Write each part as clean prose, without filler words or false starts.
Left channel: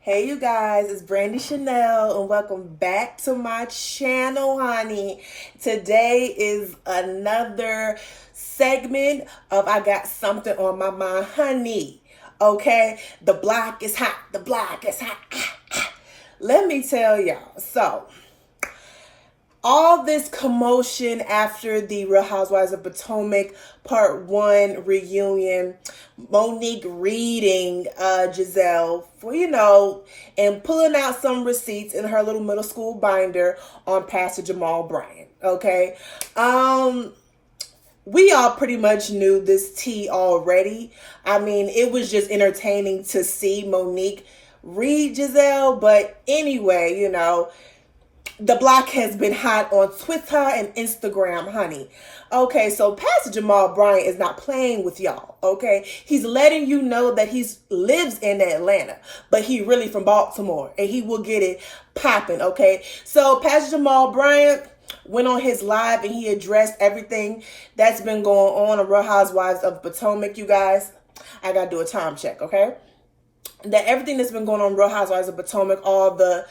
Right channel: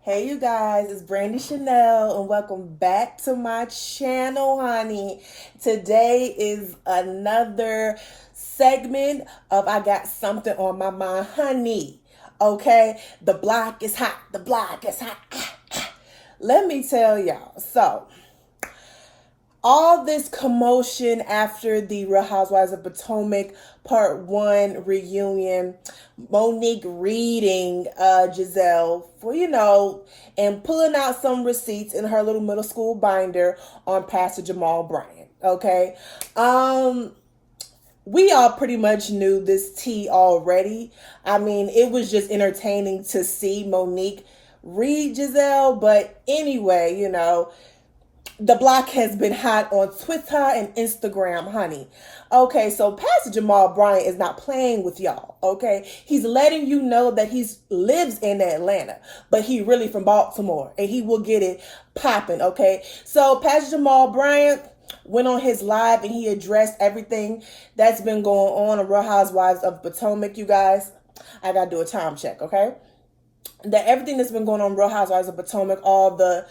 Hey you guys, it's Brandy Chanel and welcome back to my channel, honey. Today is another segment of I Got Something on My Mind, honey. Okay, the block is hot, the block is hot. Let me tell y'all. So, all this commotion after the Real Housewives of Potomac Part 1 reunion, Monique reading Giselle for, and pulling out some receipts in her little middle school binder on Pastor Jamal Bryant. Okay. We all pretty much knew this tea already. I mean, it was just entertaining to see Monique read Giselle, but anyway, the block has been hot on Twitter and Instagram, honey. Okay, so Pastor Jamal Bryant is not playing with y'all, okay? He's letting you know that he lives in Atlanta, but he really from Baltimore, and he will get it popping, okay? So Pastor Jamal Bryant went on his live, and he addressed everything that's been going on Real Housewives of Potomac, you guys. I gotta do a time check, okay? That everything that's been going on Real Housewives of Potomac, all the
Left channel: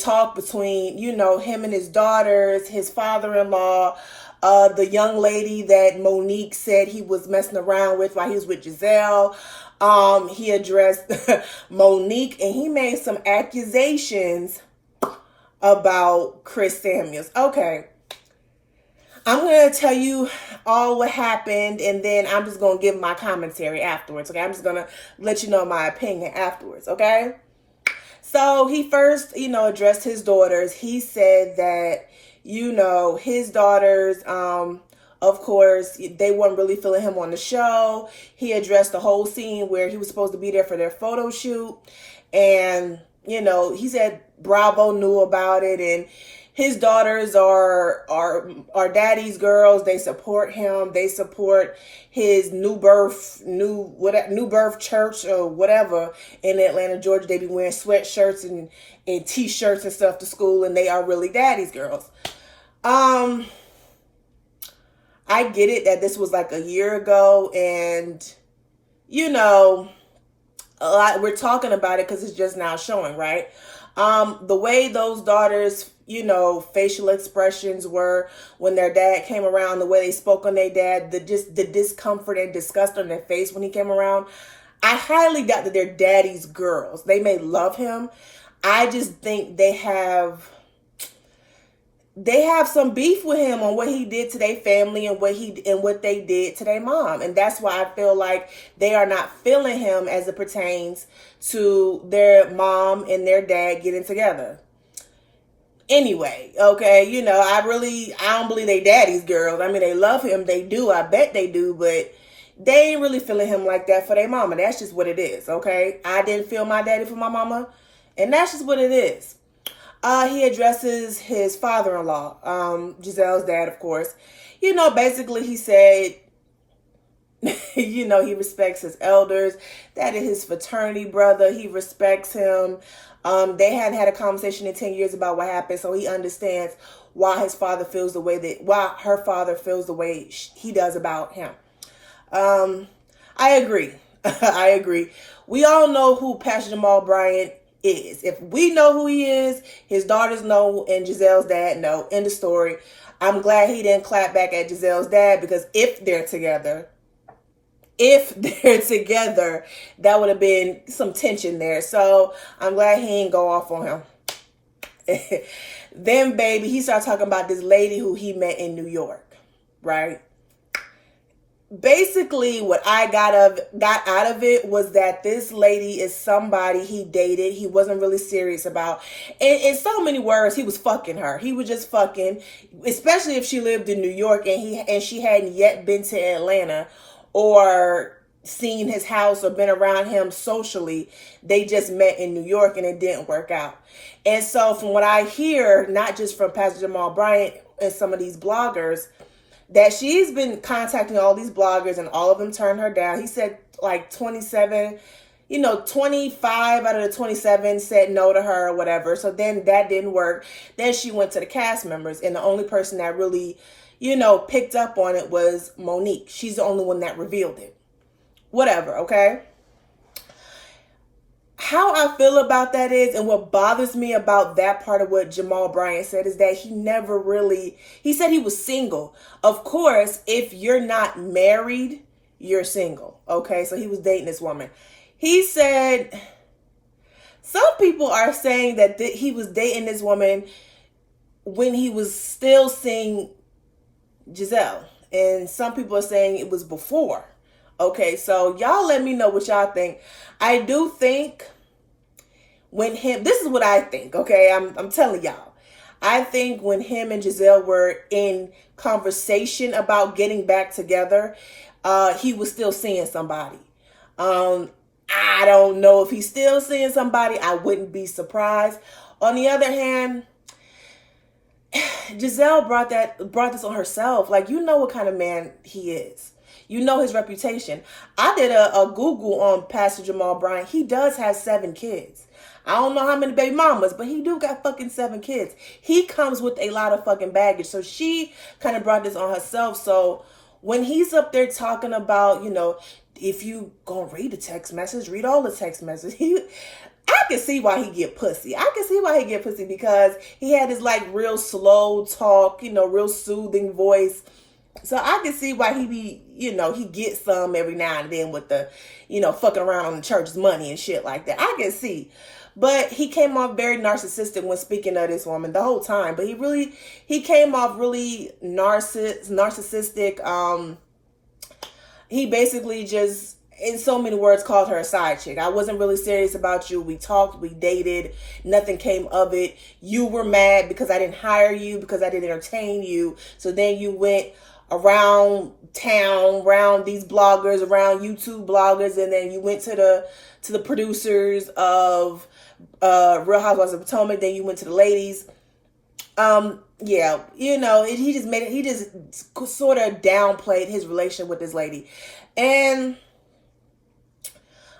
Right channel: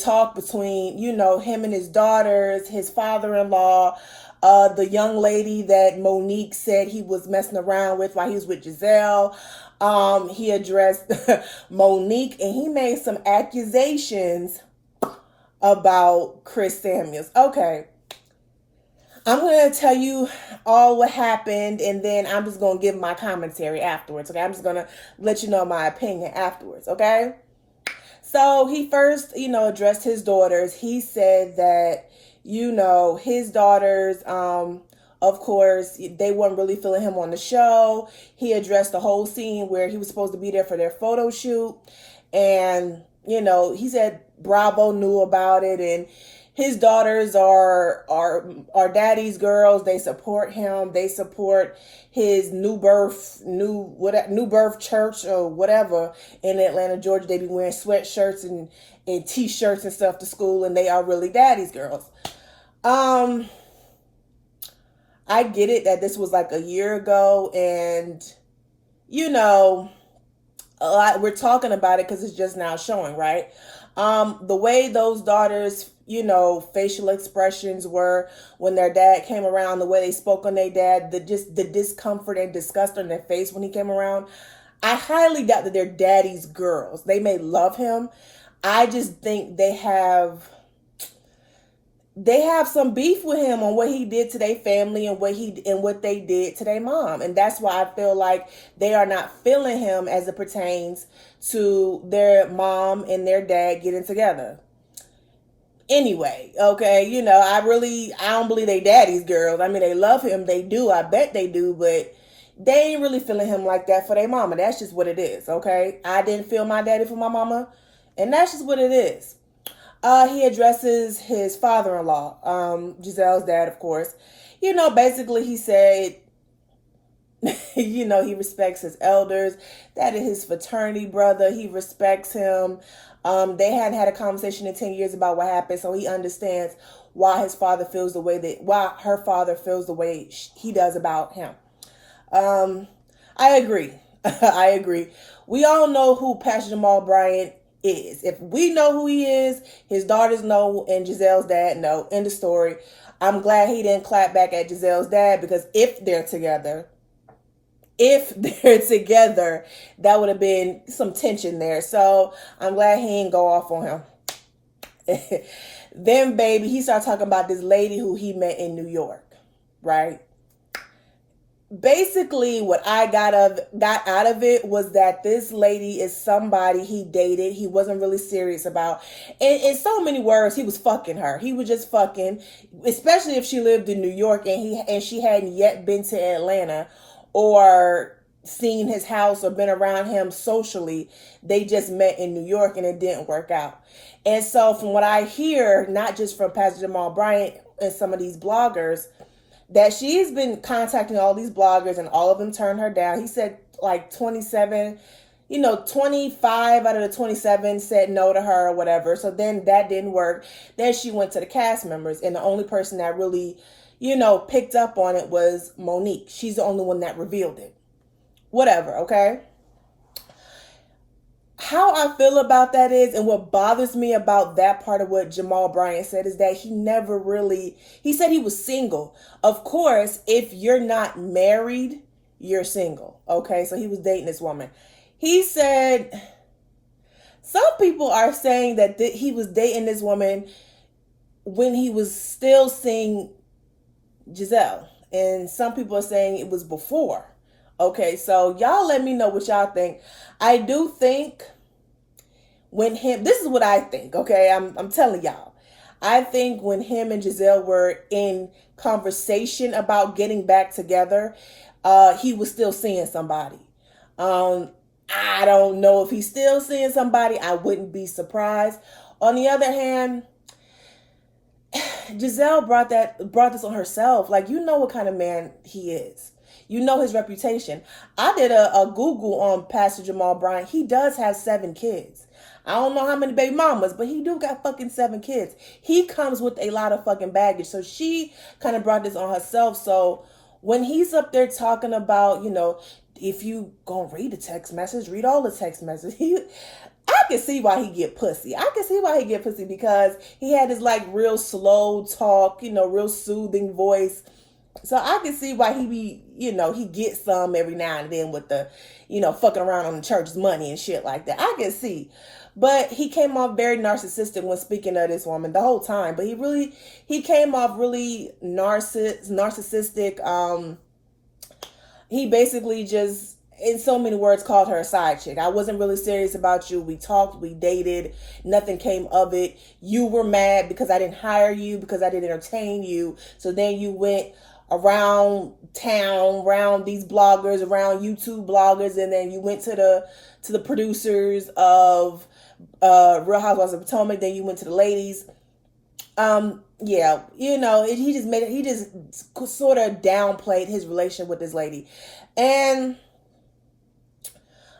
talk between, him and his daughters, his father-in-law, the young lady that Monique said he was messing around with while he was with Giselle. He addressed Monique, and he made some accusations about Chris Samuels. Okay. I'm going to tell you all what happened, and then I'm just going to give my commentary afterwards, okay? I'm just going to let you know my opinion afterwards, okay? So he first, addressed his daughters. He said that, his daughters, of course, they weren't really feeling him on the show. He addressed the whole scene where he was supposed to be there for their photo shoot, and, he said Bravo knew about it, and his daughters are daddy's girls. They support him. They support his new birth church or whatever in Atlanta, Georgia. They be wearing sweatshirts and t-shirts and stuff to school, and they are really daddy's girls. I get it that this was like a year ago, and a lot we're talking about it because it's just now showing, right? The way those daughters, facial expressions were when their dad came around, the way they spoke on their dad, the discomfort and disgust on their face when he came around. I highly doubt that they're daddy's girls. They may love him. I just think they have some beef with him on what he did to their family and what they did to their mom. And that's why I feel like they are not feeling him as it pertains to their mom and their dad getting together. Anyway, okay, I don't believe they daddy's girls. I mean, they love him. They do. I bet they do. But they ain't really feeling him like that for their mama. That's just what it is, okay? I didn't feel my daddy for my mama. And that's just what it is. He addresses his father-in-law, Giselle's dad, of course. Basically he said, he respects his elders. That is his fraternity brother. He respects him. They hadn't had a conversation in 10 years about what happened, so he understands why her father feels the way he does about him. I agree. I agree. We all know who Pastor Jamal Bryant is. If we know who he is, his daughters know, and Giselle's dad know. End of story. I'm glad he didn't clap back at Giselle's dad, because if they're together, that would have been some tension there. So I'm glad he didn't go off on him. Then, baby, he started talking about this lady who he met in New York, right? Basically, what I got out of it was that this lady is somebody he dated. He wasn't really serious about. And in so many words, he was fucking her. He was just fucking, especially if she lived in New York and she hadn't yet been to Atlanta or seen his house or been around him socially. They just met in New York and it didn't work out. And so from what I hear, not just from Pastor Jamal Bryant and some of these bloggers, that she's been contacting all these bloggers and all of them turned her down. He said like 25 out of the 27 said no to her or whatever. So then that didn't work. Then she went to the cast members, and the only person that really, picked up on it was Monique. She's the only one that revealed it. Whatever, okay? how I feel about that is, and what bothers me about that part of what Jamal Bryant said is that he never really, he said he was single. Of course, if you're not married, you're single. Okay, so he was dating this woman. He said, some people are saying that he was dating this woman when he was still seeing Giselle. And some people are saying it was before. Okay, so y'all let me know what y'all think. I do think this is what I think, okay? I'm telling y'all. I think when him and Giselle were in conversation about getting back together, he was still seeing somebody. I don't know if he's still seeing somebody. I wouldn't be surprised. On the other hand, Giselle brought this on herself. Like, you know what kind of man he is. You know his reputation. I did a Google on Pastor Jamal Bryant. He does have 7 kids. I don't know how many baby mamas, but he do got fucking 7 kids. He comes with a lot of fucking baggage. So she kind of brought this on herself. So when he's up there talking about, if you gonna read the text message, read all the text messages. I can see why he get pussy. I can see why he get pussy because he had his like real slow talk, real soothing voice. So I can see why he be, he gets some every now and then with the, fucking around on the church's money and shit like that. I can see. But he came off very narcissistic when speaking of this woman the whole time. But he came off really narcissistic. He basically just, in so many words, called her a side chick. I wasn't really serious about you. We talked, we dated, nothing came of it. You were mad because I didn't hire you, because I didn't entertain you. So then you went around town, around these bloggers, around YouTube bloggers, and then you went to the producers of Real Housewives of Potomac. Then you went to the ladies. Yeah, he just made it. He just sort of downplayed his relationship with this lady, and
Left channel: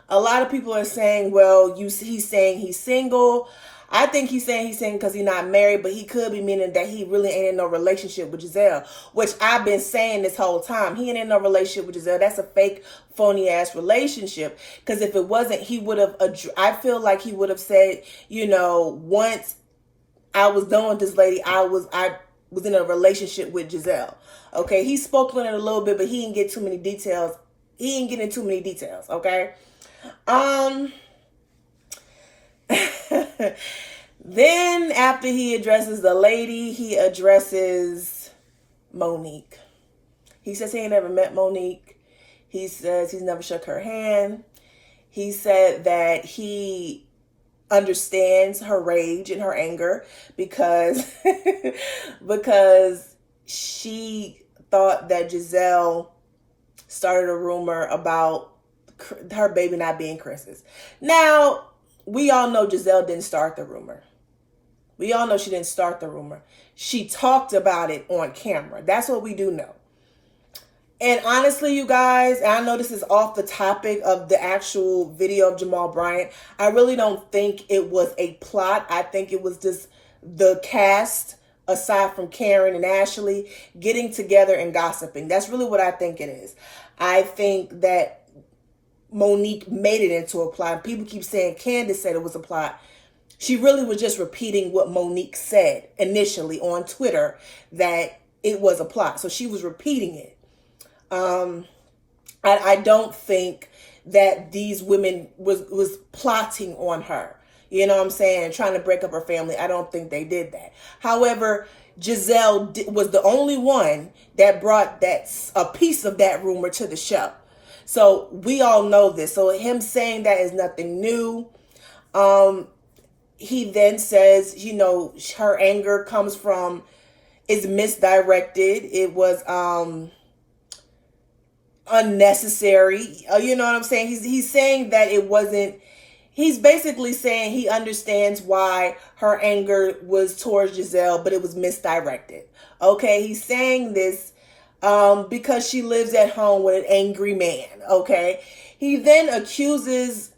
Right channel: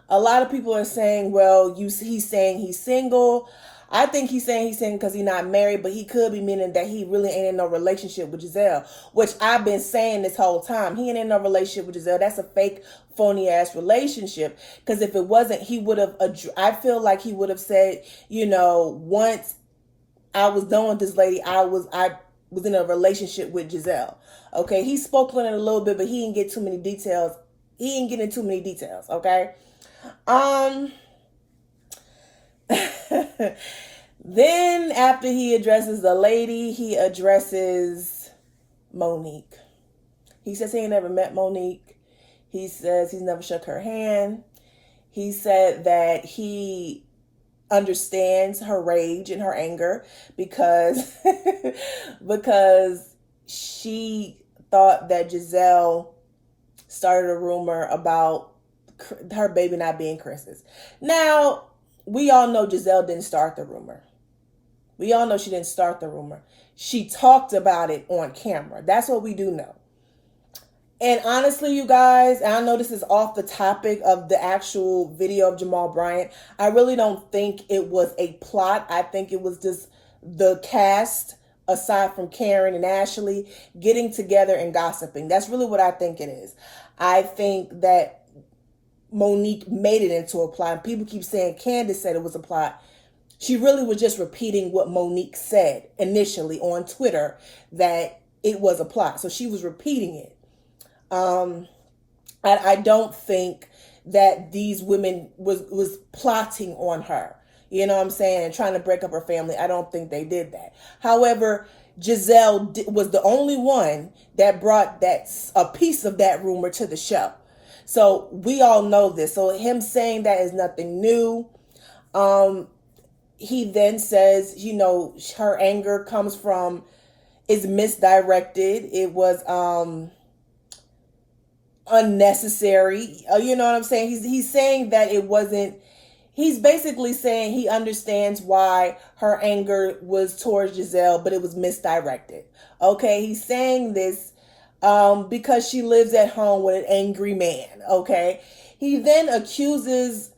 a lot of people are saying, well, he's saying he's single. I think he's saying he's single because he's not married, but he could be meaning that he really ain't in no relationship with Giselle, which I've been saying this whole time. He ain't in no relationship with Giselle. That's a fake, phony ass relationship. Because if it wasn't, he would have, I feel like he would have said, once I was done with this lady, I was in a relationship with Giselle. Okay, he spoke on it a little bit, but he didn't get too many details. He didn't get into too many details. Okay. Then after he addresses the lady, he addresses Monique. He says he ain't never met Monique. He says he's never shook her hand. He said that he understands her rage and her anger because she thought that Giselle started a rumor about her baby not being Chris's. Now, we all know Giselle didn't start the rumor. We all know she didn't start the rumor. She talked about it on camera. That's what we do know. And honestly, you guys, I know this is off the topic of the actual video of Jamal Bryant. I really don't think it was a plot. I think it was just the cast, aside from Karen and Ashley, getting together and gossiping. That's really what I think it is. I think that Monique made it into a plot. People keep saying Candace said it was a plot. She really was just repeating what Monique said initially on Twitter, that it was a plot. So she was repeating it. I don't think that these women was plotting on her. You know what I'm saying? Trying to break up her family. I don't think they did that. However, Giselle was the only one that brought a piece of that rumor to the show. So we all know this. So him saying that is nothing new. He then says, her anger is misdirected. It was unnecessary. You know what I'm saying? He's saying that it wasn't. He's basically saying he understands why her anger was towards Giselle, but it was misdirected. Okay, he's saying this because she lives at home with an angry man. Okay, he then accuses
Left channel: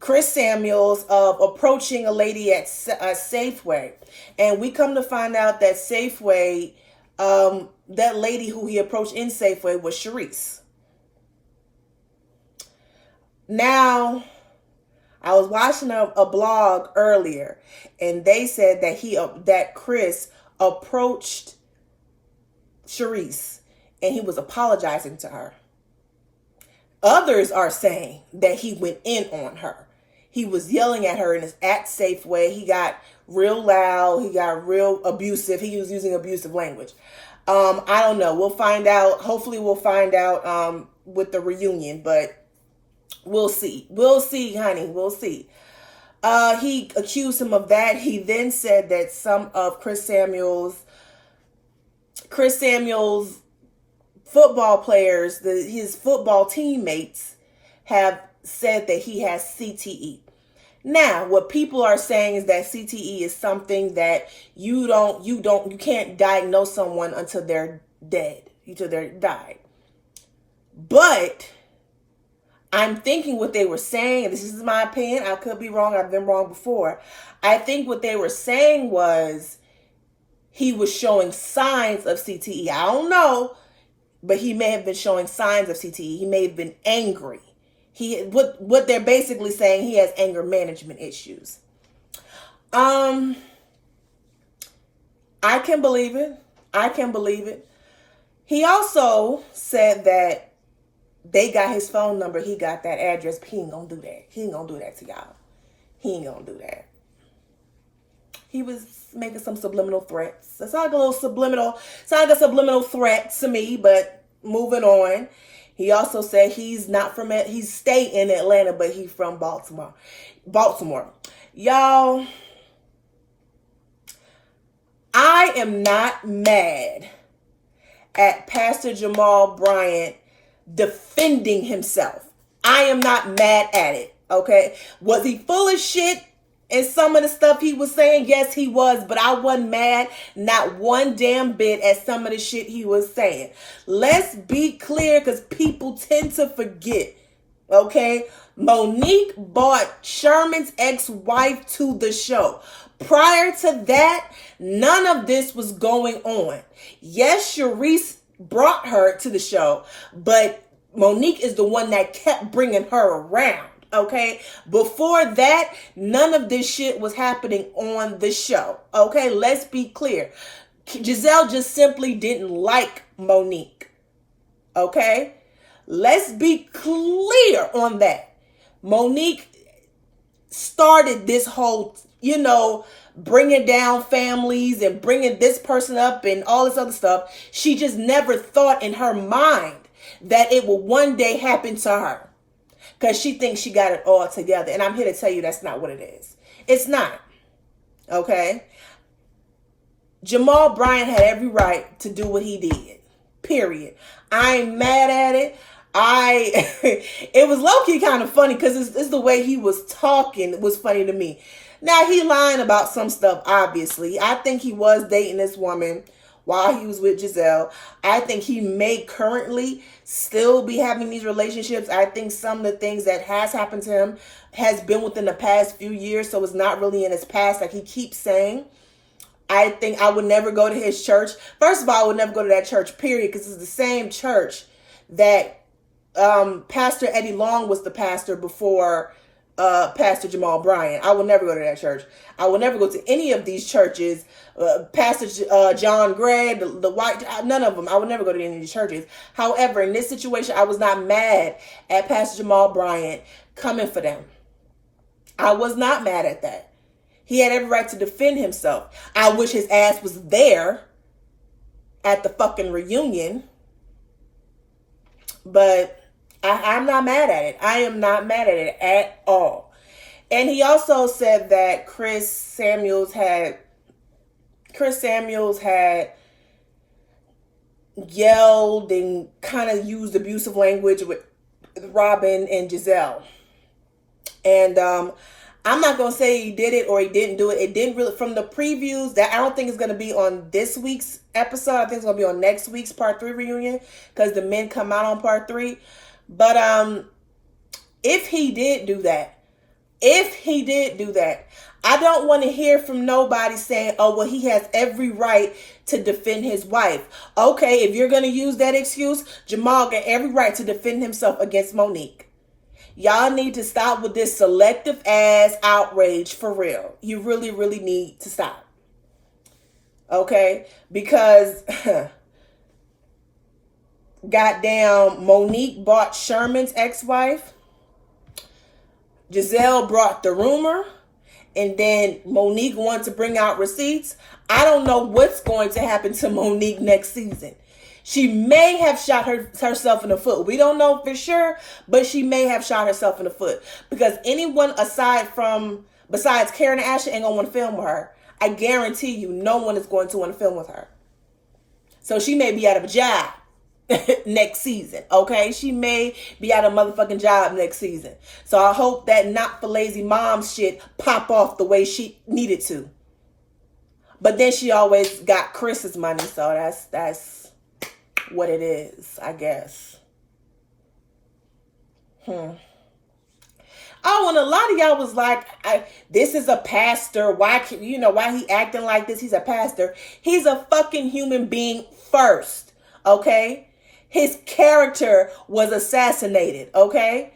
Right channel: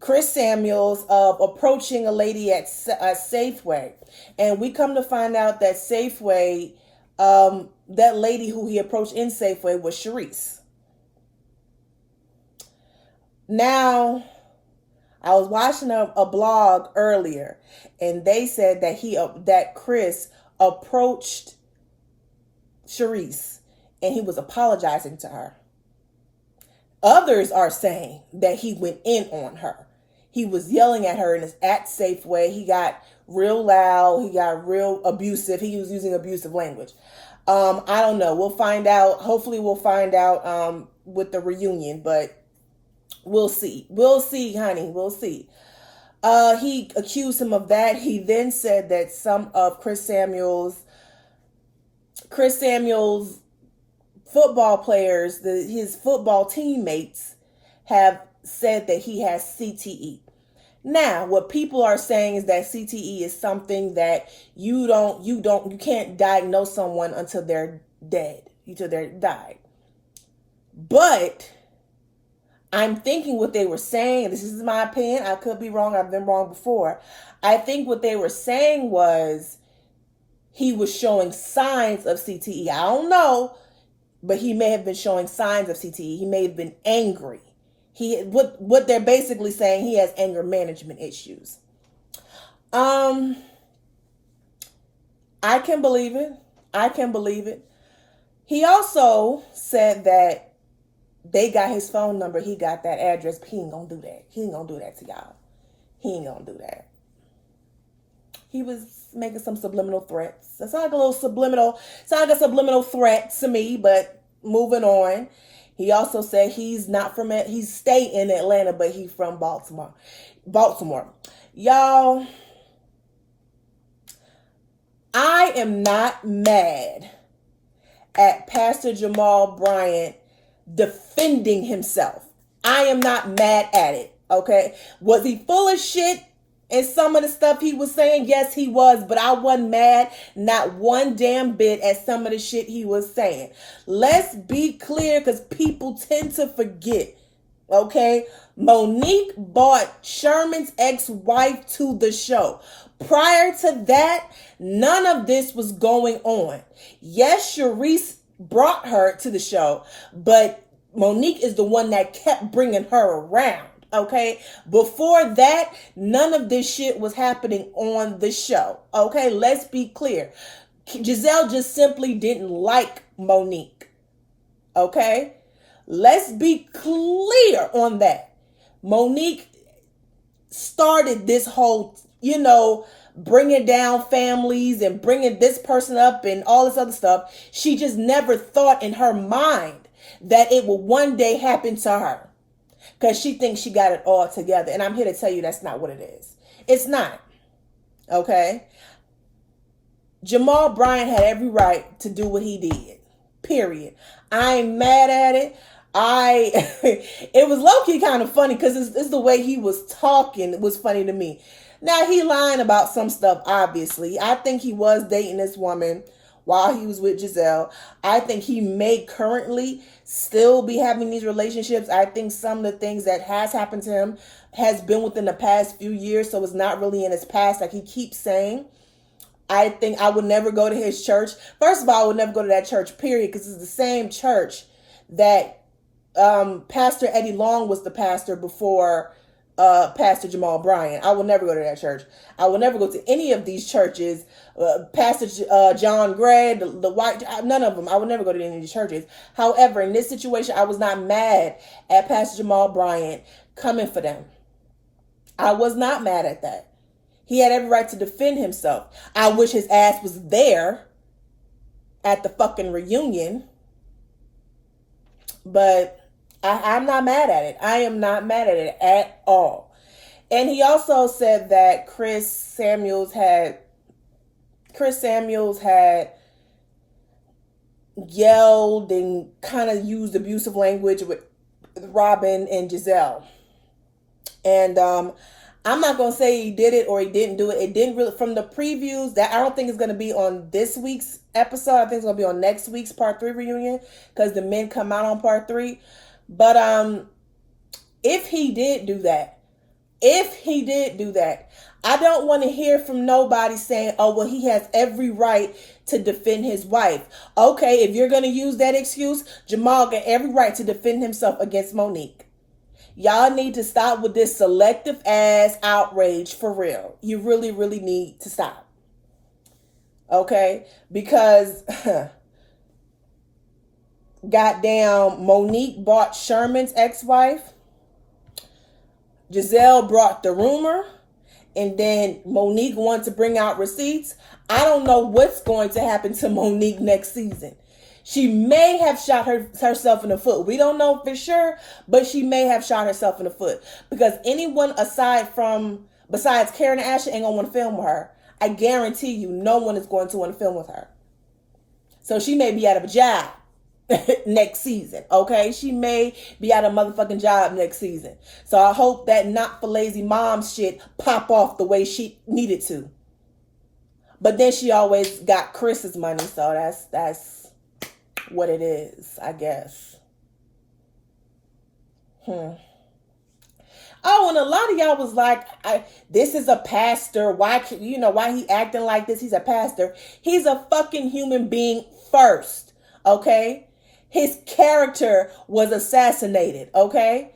Chris Samuels of approaching a lady at Safeway, and we come to find out that Safeway, that lady who he approached in Safeway was Sharice. Now, I was watching a blog earlier, and they said that Chris approached Sharice and he was apologizing to her. Others are saying that he went in on her. He was yelling at her in his act safe way. He got real loud. He got real abusive. He was using abusive language. I don't know. We'll find out. Hopefully we'll find out with the reunion, but we'll see. We'll see, honey. We'll see. He accused him of that. He then said that some of Chris Samuel's football players, his football teammates, have said that he has CTE. Now, what people are saying is that CTE is something that you can't diagnose someone until they're dead, until they're died. But I'm thinking what they were saying, and this is my opinion, I could be wrong, I've been wrong before. I think what they were saying was he was showing signs of CTE. I don't know, but he may have been showing signs of CTE. He may have been angry. What they're basically saying, he has anger management issues. I can believe it. He also said that they got his phone number, he got that address, but he ain't gonna do that. He ain't gonna do that to y'all. He ain't gonna do that. He was making some subliminal threats. It's like a subliminal threat to me, but moving on. He also said he's stay in Atlanta, but he's from Baltimore. Y'all, I am not mad at Pastor Jamal Bryant defending himself. I am not mad at it, okay? Was he full of shit in some of the stuff he was saying? Yes, he was, but I wasn't mad not one damn bit at some of the shit he was saying. Let's be clear, because people tend to forget, okay? Monique brought Sherman's ex-wife to the show. Prior to that, none of this was going on. Yes, Sharice brought her to the show, but Monique is the one that kept bringing her around. Okay, before that, none of this shit was happening on the show. Okay, let's be clear. Giselle just simply didn't like Monique. Okay, let's be clear on that. Monique started this whole, bringing down families and bringing this person up and all this other stuff. She just never thought in her mind that it will one day happen to her, because she thinks she got it all together. And I'm here to tell you that's not what it is. It's not. Okay? Jamal Bryant had every right to do what he did. Period. I ain't mad at it. It was low-key kind of funny, because it's the way he was talking. It was funny to me. Now, he lying about some stuff, obviously. I think he was dating this woman while he was with Giselle. I think he may currently still be having these relationships. I think some of the things that has happened to him has been within the past few years, so it's not really in his past like he keeps saying. I think I would never go to his church. First of all, I would never go to that church, period, because it's the same church that Pastor Eddie Long was the pastor before Pastor Jamal Bryant. I will never go to that church. I will never go to any of these churches. Pastor John Gray, the white, none of them. I will never go to any of these churches. However, in this situation, I was not mad at Pastor Jamal Bryant coming for them. I was not mad at that. He had every right to defend himself. I wish his ass was there at the fucking reunion, but I'm not mad at it. I am not mad at it at all. And he also said that Chris Samuels had yelled and kind of used abusive language with Robin and Giselle. And I'm not going to say he did it or he didn't do it. It didn't really, from the previews, that I don't think it's going to be on this week's episode. I think it's going to be on next week's part 3 reunion, because the men come out on part 3. But if he did do that, I don't want to hear from nobody saying, oh, well, he has every right to defend his wife. Okay, if you're going to use that excuse, Jamal got every right to defend himself against Monique. Y'all need to stop with this selective ass outrage for real. You really, really need to stop. Okay? Because goddamn Monique bought Sherman's ex-wife. Giselle brought the rumor. And then Monique wanted to bring out receipts. I don't know what's going to happen to Monique next season. She may have shot herself in the foot. We don't know for sure, but she may have shot herself in the foot. Because anyone besides Karen and Ashley ain't going to want to film with her. I guarantee you no one is going to want to film with her. So she may be out of a job next season, okay? She may be out of a motherfucking job next season. So I hope that not for lazy mom shit pop off the way she needed to. But then she always got Chris's money, so that's what it is, I guess. Oh, and a lot of y'all was like, this is a pastor. Why he acting like this? He's a pastor. He's a fucking human being first, okay? His character was assassinated, okay?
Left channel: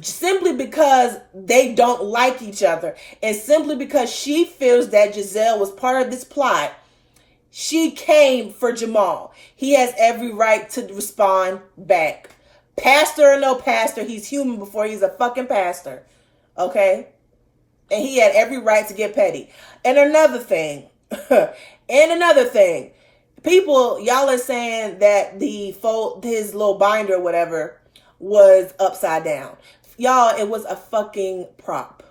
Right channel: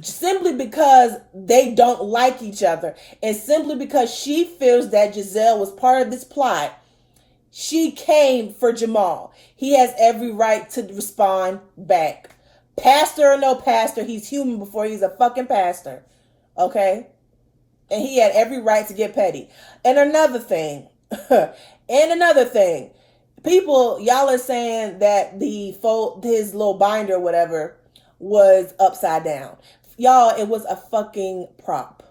Simply because they don't like each other. And simply because she feels that Giselle was part of this plot, she came for Jamal. He has every right to respond back. Pastor or no pastor, he's human before he's a fucking pastor. Okay? And he had every right to get petty. And another thing, people, y'all are saying that his little binder or whatever was upside down. Y'all, it was a fucking prop.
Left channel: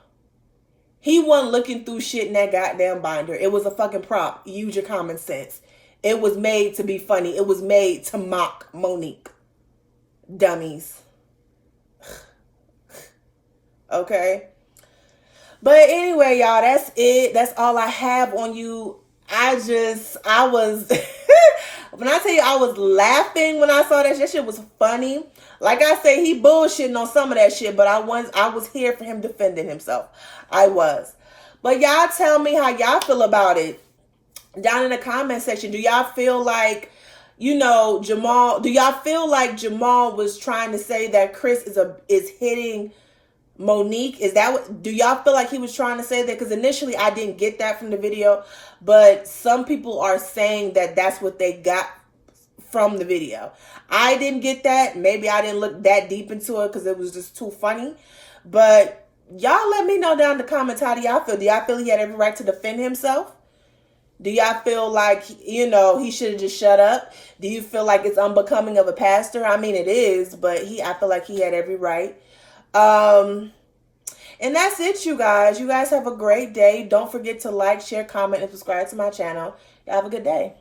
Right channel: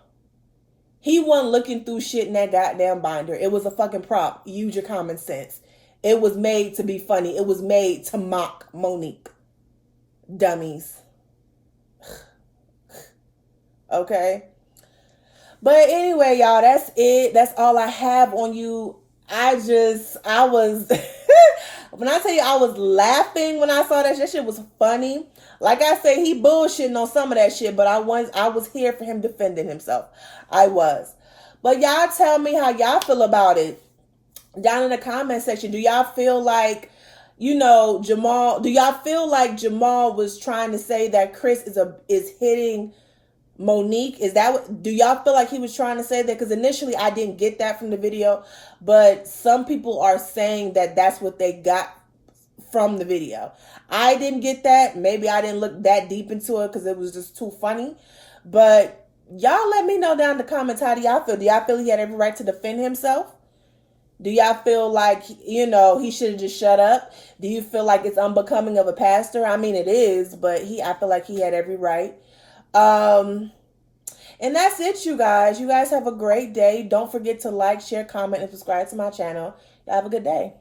He wasn't looking through shit in that goddamn binder. It was a fucking prop. Use your common sense. It was made to be funny. It was made to mock Monique. Dummies. Okay? But anyway, y'all, that's it. That's all I have on you. I was... When I tell you I was laughing when I saw that shit was funny. Like I say, he bullshitting on some of that shit, but I was here for him defending himself. I was. But y'all tell me how y'all feel about it down in the comment section. Do y'all feel like, Jamal, do y'all feel like Jamal was trying to say that Chris is hitting Monique? Do y'all feel like he was trying to say that? Because initially I didn't get that from the video, but some people are saying that that's what they got from the video. I didn't get that. Maybe I didn't look that deep into it because it was just too funny. But y'all let me know down in the comments, how do y'all feel? Do y'all feel he had every right to defend himself? Do y'all feel like, he should have just shut up? Do you feel like it's unbecoming of a pastor? I mean, it is, but I feel like he had every right. And that's it, you guys. You guys have a great day. Don't forget to like, share, comment, and subscribe to my channel. Y'all have a good day.